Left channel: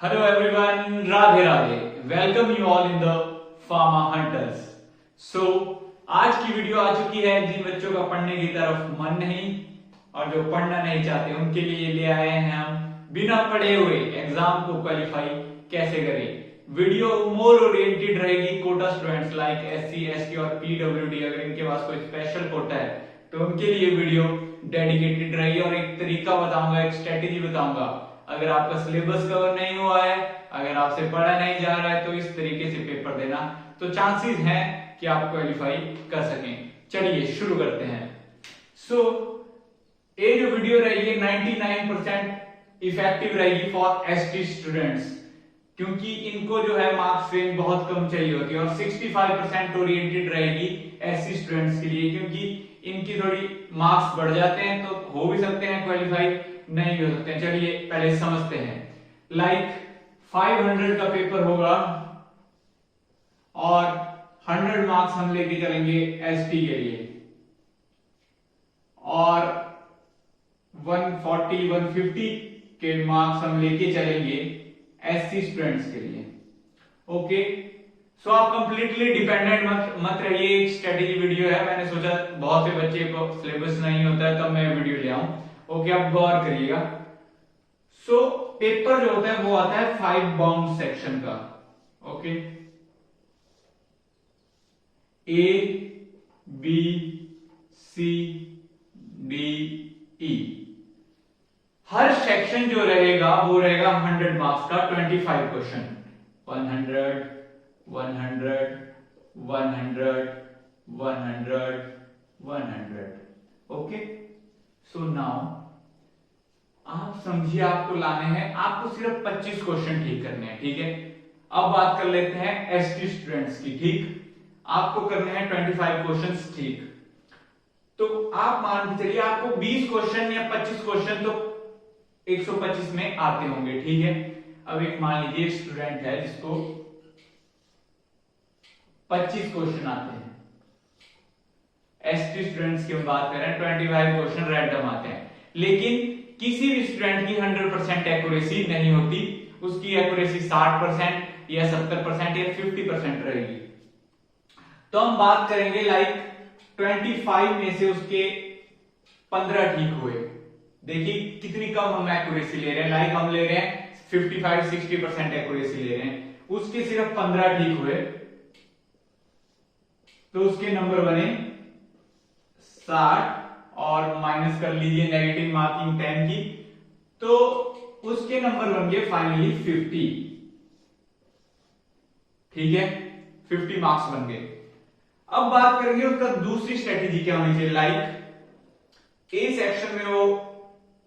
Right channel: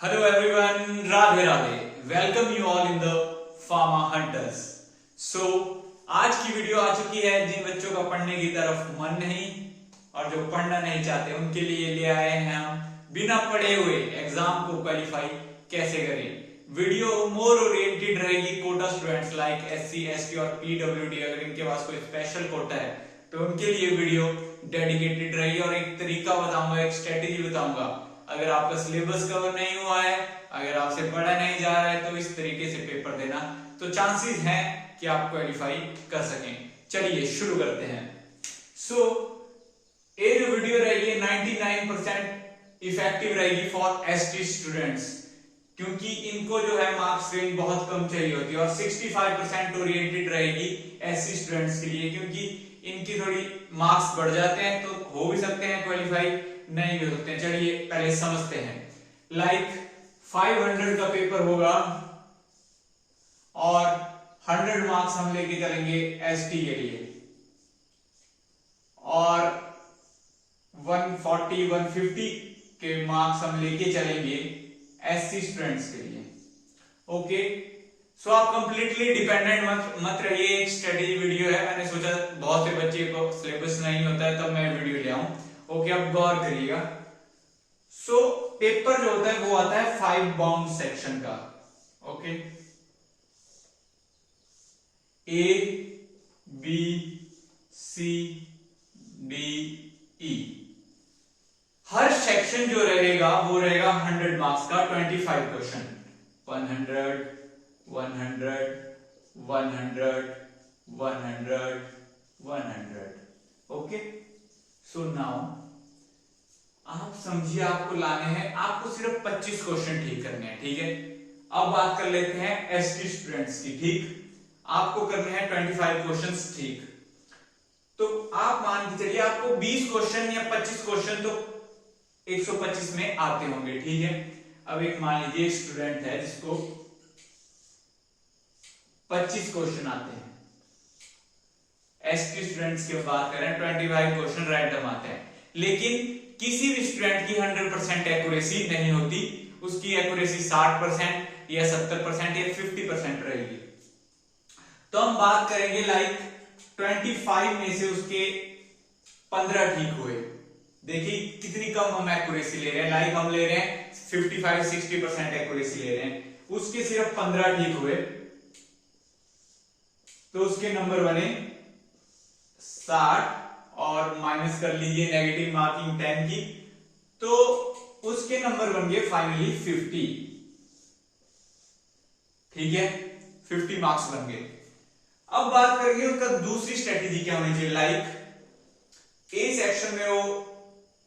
Hello everyone, Radhe Radhe. Welcome you all in the Pharma Hunters. So आज की video आ चुकी है जिन बच्चों का पढ़ने की तरफ मन नहीं और जो पढ़ना नहीं चाहते उनके लिए ले आए हैं हम बिना पढ़े हुए एग्जाम को क्वालिफाई कैसे करें। वीडियो मोर ओरिएंटेड रहेगी quota students like SC, ST और पीडब्ल्यूडी। अगर इनके पास कोई स्पेशल कोटा है तो उनके लिए वीडियो डेडिकेटेड रहेगी और एक तरीका बताऊंगा, एक स्ट्रेटेजी बताऊंगा। अगर आपका सिलेबस कवर नहीं हुआ है, अगर आपसे पढ़ा नहीं जा रहा है तो इस तरीके से पेपर देना तो चांसेस हैं कि आप क्वालिफाई कर सकें। चलिए शुरू करते हैं। ये जो वीडियो रहेगी 99% इफेक्टिव रहेगी फॉर एसटी स्टूडेंट्स, क्योंकि इनको जो है मार्क्स रेंज बहुत कम चाहिए होती है और 65% ओरिएंटेड रहेगी एससी स्टूडेंट्स के लिए, क्योंकि इनकी थोड़ी मार्क्स बढ़ जाते हैं तो हो भी सकते हैं क्वालिफाई, नहीं हो सकते हैं। चलिए पहले समझते हैं। लाइक 500 का पेपर होगा और 100 मार्क्स हम लेके चलेंगे एसटी के लिए और 140-150 के मार्क्स हम लेके चलेंगे एससी स्टूडेंट्स के लिए। ओके, सो आप कंप्लीटली डिपेंडेंट मत रहिए। एक स्ट्रेटेजी वीडियो है, मैंने सोचा बहुत से बच्चे को सिलेबस नहीं होता है तब मैं वीडियो ले आऊं। ओके, आप गौर करिएगा। पेपर जो होता है वो आता है 5 बाउंड सेक्शन का। Okay, A B C D E, हर सेक्शन जो रहेगा वो रहेगा 100 मार्क्स का। 25 क्वेश्चन, 100 100 100 100 100। ओके, सो नाउ आप समझिए, आपको लाने हैं, आपको सिर्फ 25 क्वेश्चन ठीक करने हैं। ठीक है, अब बात कर लेते हैं एसटी स्टूडेंट्स की। ठीक, आपको करने हैं 25 क्वेश्चंस। ठीक, तो आप मान के चलिए आपको 20 क्वेश्चन या 25 क्वेश्चन तो 125 में आते होंगे। ठीक है, अब एक मान लीजिए स्टूडेंट है जिसको 25 क्वेश्चन आते हैं। एसटी स्टूडेंट्स की बात करें 25 क्वेश्चन रैंडम आते हैं, लेकिन किसी भी स्टूडेंट की 100% एक्यूरेसी नहीं होती। उसकी एक्यूरेसी 60% या 70% या 50% रहेगी। तो हम बात करेंगे लाइक 25 में से उसके 15 ठीक हुए। देखिए कितनी कम हम एक्यूरेसी ले रहे हैं। लाइक हम ले रहे हैं 55-60% एक्यूरेसी ले रहे हैं, उसके सिर्फ 15 ठीक हुए तो उसके नंबर बने 60 और माइनस कर लीजिए नेगेटिव मार्किंग 10 की, तो उसके नंबर बन गए फाइनली 50। ठीक है, 50 मार्क्स बन गए। अब बात करेंगे उसका दूसरी स्ट्रेटेजी क्या होनी चाहिए। लाइक ए सेक्शन में वो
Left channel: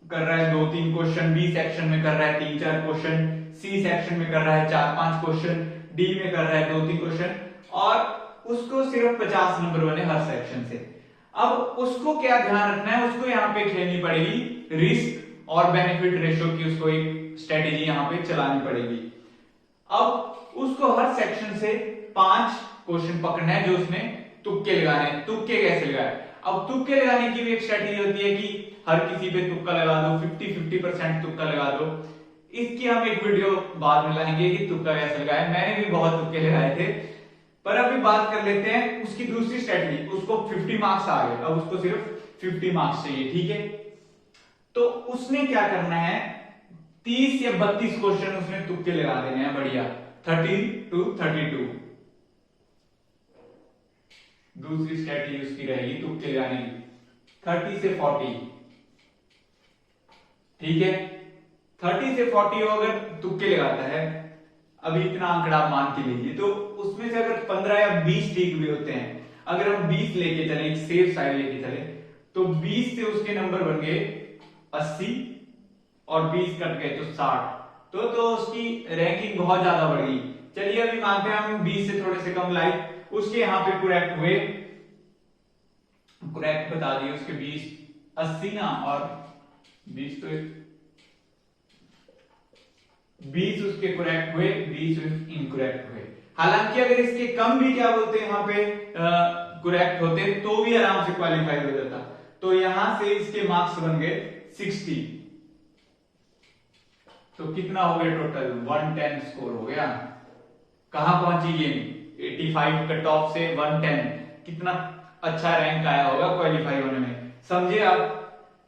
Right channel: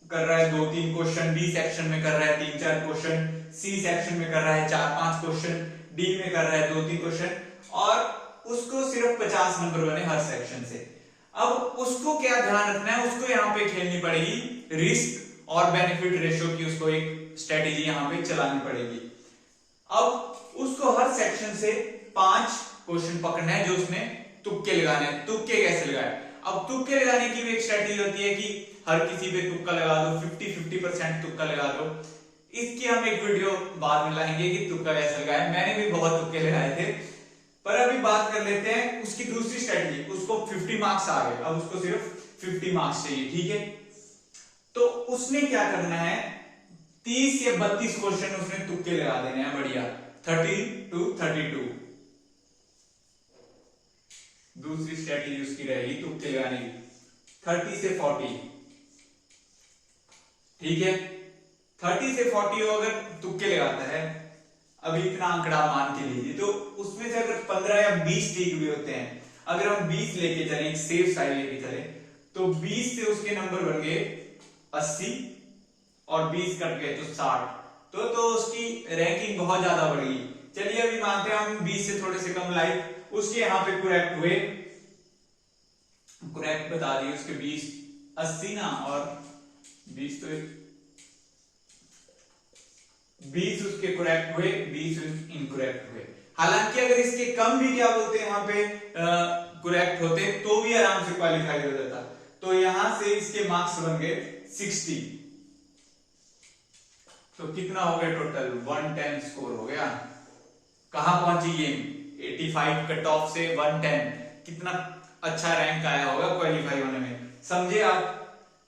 कर रहा है 2-3 क्वेश्चन, बी सेक्शन में कर रहा है 3-4 क्वेश्चन, सी सेक्शन में कर रहा है 4-5 क्वेश्चन, डी में कर रहा है 2-3 क्वेश्चन और उसको सिर्फ 50 नंबर बने हर सेक्शन से। अब उसको क्या ध्यान रखना है, उसको यहाँ पे खेलनी पड़ेगी रिस्क और बेनिफिट रेशियो की, उसको एक स्ट्रेटेजी यहाँ पे चलानी पड़ेगी। अब उसको हर सेक्शन से 5 क्वेश्चन पकड़ना है जो उसमें तुक्के लगाने हैं। तुक्के कैसे लगाए? अब तुक्के लगाने की भी एक स्ट्रेटेजी होती है कि हर किसी पे तुक्का लगा दो, 50-50% तुक्का लगा दो। इसकी हम एक वीडियो बाद में लाएंगे कि तुक्का कैसे लगाए। मैंने भी बहुत तुक्के लगाए थे, पर अभी बात कर लेते हैं उसकी दूसरी स्ट्रेटजी। उसको 50 मार्क्स आ गए, अब उसको सिर्फ 50 मार्क्स चाहिए। ठीक है, तो उसने क्या करना है, 30 या 32 क्वेश्चन उसने तुक्के लगा देने हैं। बढ़िया, 30-32 दूसरी स्ट्रेटजी उसकी रहेगी तुक्के लगाने की। 30 से 40, ठीक है, 30 से 40 अगर तुक्के लगाता है, अभी इतना आंकड़ा मान के लीजिए, तो उसमें से अगर 15 या 20 ठीक भी होते हैं, अगर हम 20 लेके चले, एक सेफ साइड लेके चले, तो 20 से उसके नंबर बन गए 80 और 20 कट गए तो 60। तो उसकी रैंकिंग बहुत ज्यादा बढ़ गई। चलिए अभी मानते हैं हम 20 से थोड़े से कम, लाइक उसके यहाँ पे करेक्ट हुए, करेक्ट बता दिए उसके 20, 80 ना और 20, तो 20 उसके करेक्ट हुए, 20 इनकरेक्ट हुए। हालांकि अगर इसके कम भी क्या बोलते हैं यहाँ पे करेक्ट होते तो भी आराम से क्वालिफाई हो जाता। तो यहां से इसके मार्क्स बन गए 60। तो कितना हो गया टोटल 110 स्कोर हो गया। कहां पहुंची ये 85 कट ऑफ से 110, कितना अच्छा रैंक आया होगा क्वालिफाई होने में, समझे आप।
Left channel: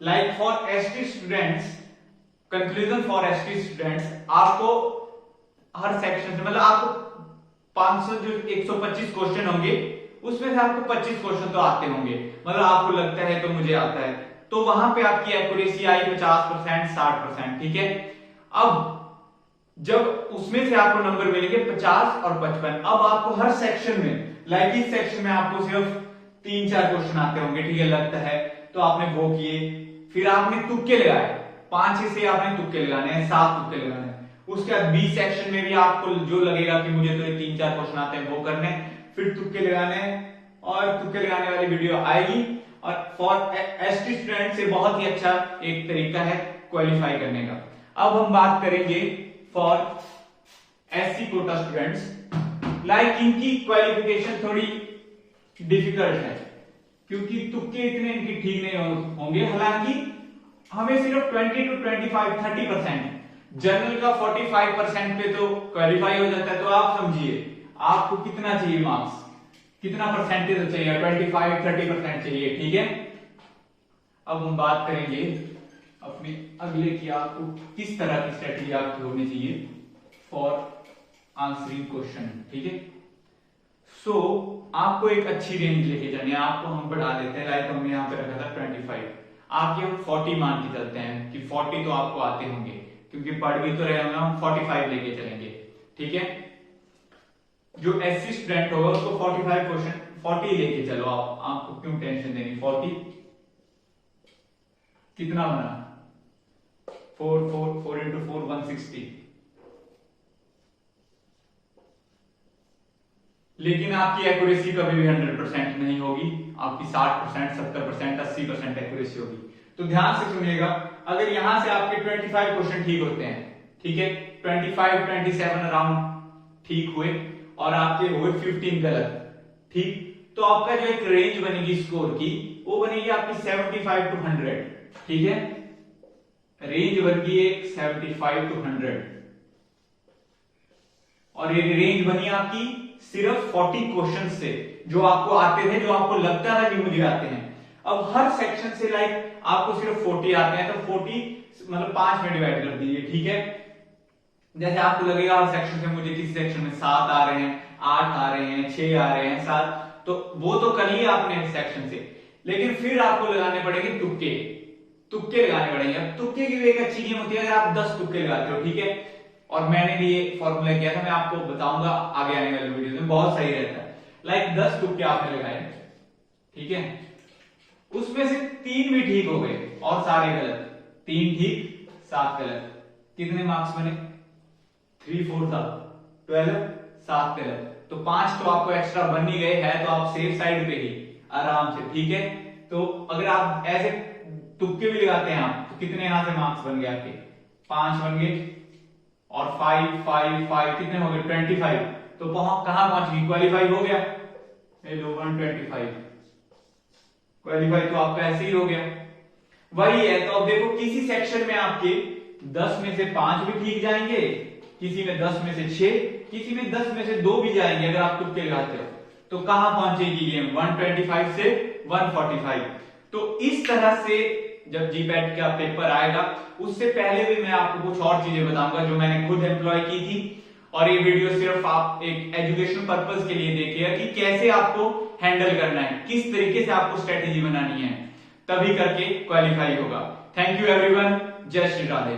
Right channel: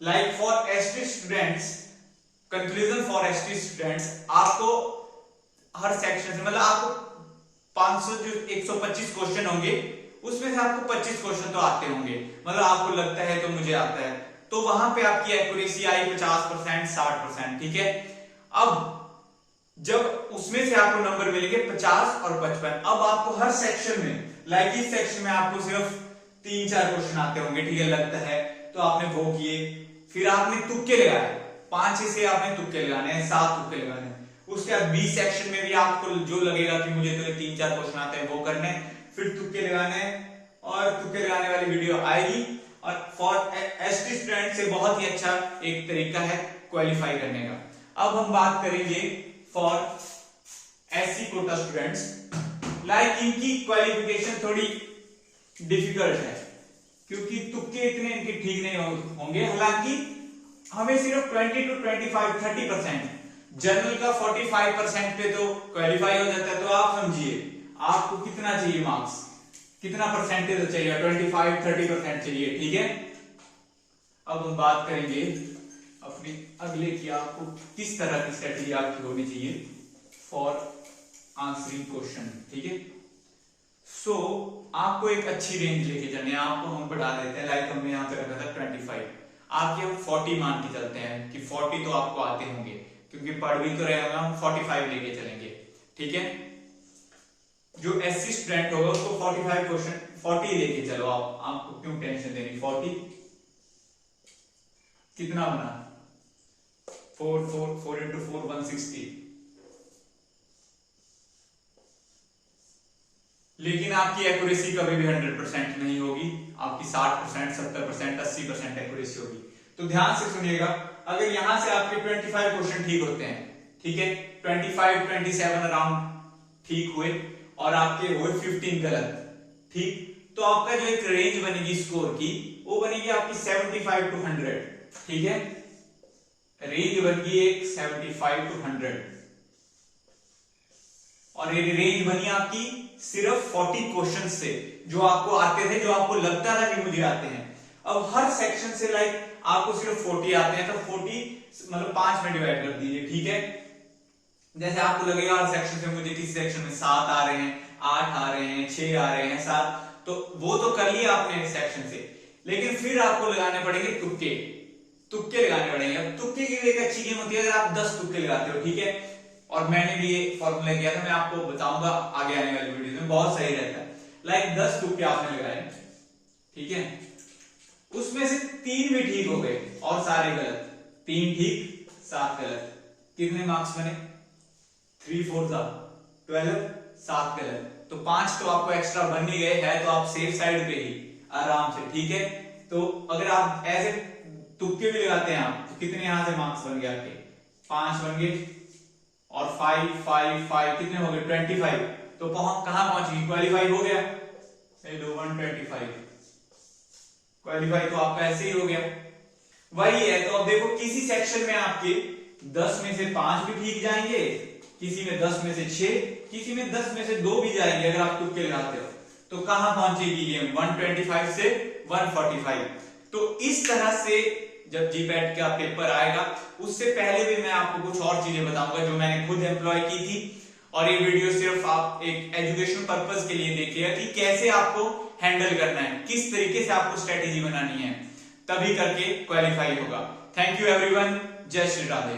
Like for ST students, conclusion for ST students, आपको हर सेक्शन से मतलब आपको 500 जो 125 क्वेश्चन होंगे उसमें से आपको 25 क्वेश्चन तो आते होंगे, मतलब आपको लगता है तो मुझे आता है, तो वहां पे आपकी एक्यूरेसी आई 50% 60%, ठीक है। अब जब उसमें से आपको नंबर मिलेंगे 50 और 55, अब आपको हर सेक्शन में, लाइक इस सेक्शन में आपको सिर्फ 3-4 क्वेश्चन आते होंगे, ठीक है, लगता है तो आपने वो किए, फिर आपने तुक्के लगाए, 5 से आपने तुक्के लगाने हैं, 7 तुक्के लगाने हैं। उसके बाद बी सेक्शन में भी आपको जो लगेगा कि मुझे तो 3-4 क्वेश्चन आते हैं वो करने, फिर तुक्के लगाने, और तुक्के लगाने वाली वीडियो आएगी। और फॉर एसटी स्टूडेंट से बहुत ही अच्छा एक तरीका है क्वालिफाई करने का। अब हम बात करेंगे for SC quota students, like इनकी क्वालिफिकेशन थोड़ी डिफिकल्ट है क्योंकि तुक्के इतने इनके ठीक नहीं होंगे। हालांकि हमें सिर्फ 20 to 25 30%, जनरल का 45% पे तो क्वालिफाई हो जाता है। तो आप समझिए आपको कितना चाहिए मार्क्स, कितना परसेंटेज चाहिए, 25-30% चाहिए, ठीक है। अब हम बात करेंगे अपने अगले की, आपको किस तरह की स्ट्रेटेजी आपकी होनी चाहिए फॉर आंसरिंग क्वेश्चन, ठीक है। सो आपको एक अच्छी रेंज लेके जानी है, आपको हम बढ़ा देते हैं, लाइक हमने यहाँ पे रखा था 25, आपके हम 40 मान के चलते हैं कि 40 तो आपको आते होंगे क्योंकि पढ़ भी तो रहे होंगे, हम 45 लेके चलेंगे, ठीक है। जो एससी स्टूडेंट होगा उसको 45 क्वेश्चन 40 लेके चलो, आपको क्यों टेंशन देनी। 40 कितना बना, 4 into 4 160, लेकिन आपकी एक्यूरेसी कभी भी 100% नहीं होगी, आपकी 60%, 70%, 80% एक्यूरेसी होगी। तो ध्यान से सुनिएगा, अगर यहां से आपके 25 क्वेश्चन ठीक होते हैं, ठीक है, 25-27 अराउंड ठीक हुए और आपके हुए 15 गलत, ठीक, तो आपका जो एक रेंज बनेगी स्कोर की, वो बनेगी आपकी 75 to 100, ठीक है, रेंज बनेगी एक 75 to 100, और ये रेंज बनी आपकी सिर्फ 40 क्वेश्चन से जो आपको आते थे, जो आपको लगता था कि मुझे आते हैं। अब हर सेक्शन से लाइक आपको सिर्फ 40 आते हैं, तो 40 मतलब 5 में डिवाइड कर दीजिए, ठीक है। जैसे आपको लगेगा हर सेक्शन से मुझे किसी सेक्शन में 7 आ रहे हैं, 8 आ रहे हैं, 6 आ रहे हैं, 7, तो वो तो कर लिया आपने सेक्शन से, लेकिन फिर आपको लगाने पड़ेंगे तुक्के, तुक्के लगाने पड़ेंगे। अब तुक्के की भी एक अच्छी गेम होती है, अगर आप 10 तुक्के लगाते हो, ठीक है, और मैंने भी ये फॉर्मूला किया था, मैं आपको बताऊंगा आगे आने वाली वीडियो में, बहुत सही रहता है। लाइक 10 तुक्के आपने लगाए, ठीक है, उसमें से 3 भी ठीक हो गए और सारे गलत, 3 ठीक 7 गलत, कितने मार्क्स बने, 3 4 12, 7 गलत, तो 5 तो आपको एक्स्ट्रा बन ही गए हैं, तो आप सेफ साइड पे ही आराम से, ठीक है। तो अगर आप ऐसे तुक्के भी लगाते हैं आप, तो कितने यहां से मार्क्स बन गए आपके, 5 बन गए, और 5 5 5 कितने हो गए 25, तो कहां पहुंच गई, क्वालिफाई हो गया, 125 क्वालिफाई तो आपका ऐसे ही हो गया, वही है। तो अब देखो किसी सेक्शन में आपके 10 में से 5 भी ठीक जाएंगे, किसी में 10 में से 6, किसी में 10 में से 2 भी जाएंगे अगर आप तुक्के लगाते हो, तो कहां पहुंचेगी ये 125 से 145। तो इस तरह से जब जीपैट का पेपर आएगा, उससे पहले भी मैं आपको कुछ और चीजें बताऊंगा जो मैंने खुद एम्प्लॉय की थी, और ये वीडियो सिर्फ आप एक एजुकेशन पर्पस के लिए देखिएगा कि कैसे आपको हैंडल करना है, किस तरीके से आपको स्ट्रेटेजी बनानी है, तभी करके क्वालिफाई होगा। थैंक यू एवरीवन, जय श्री राधे।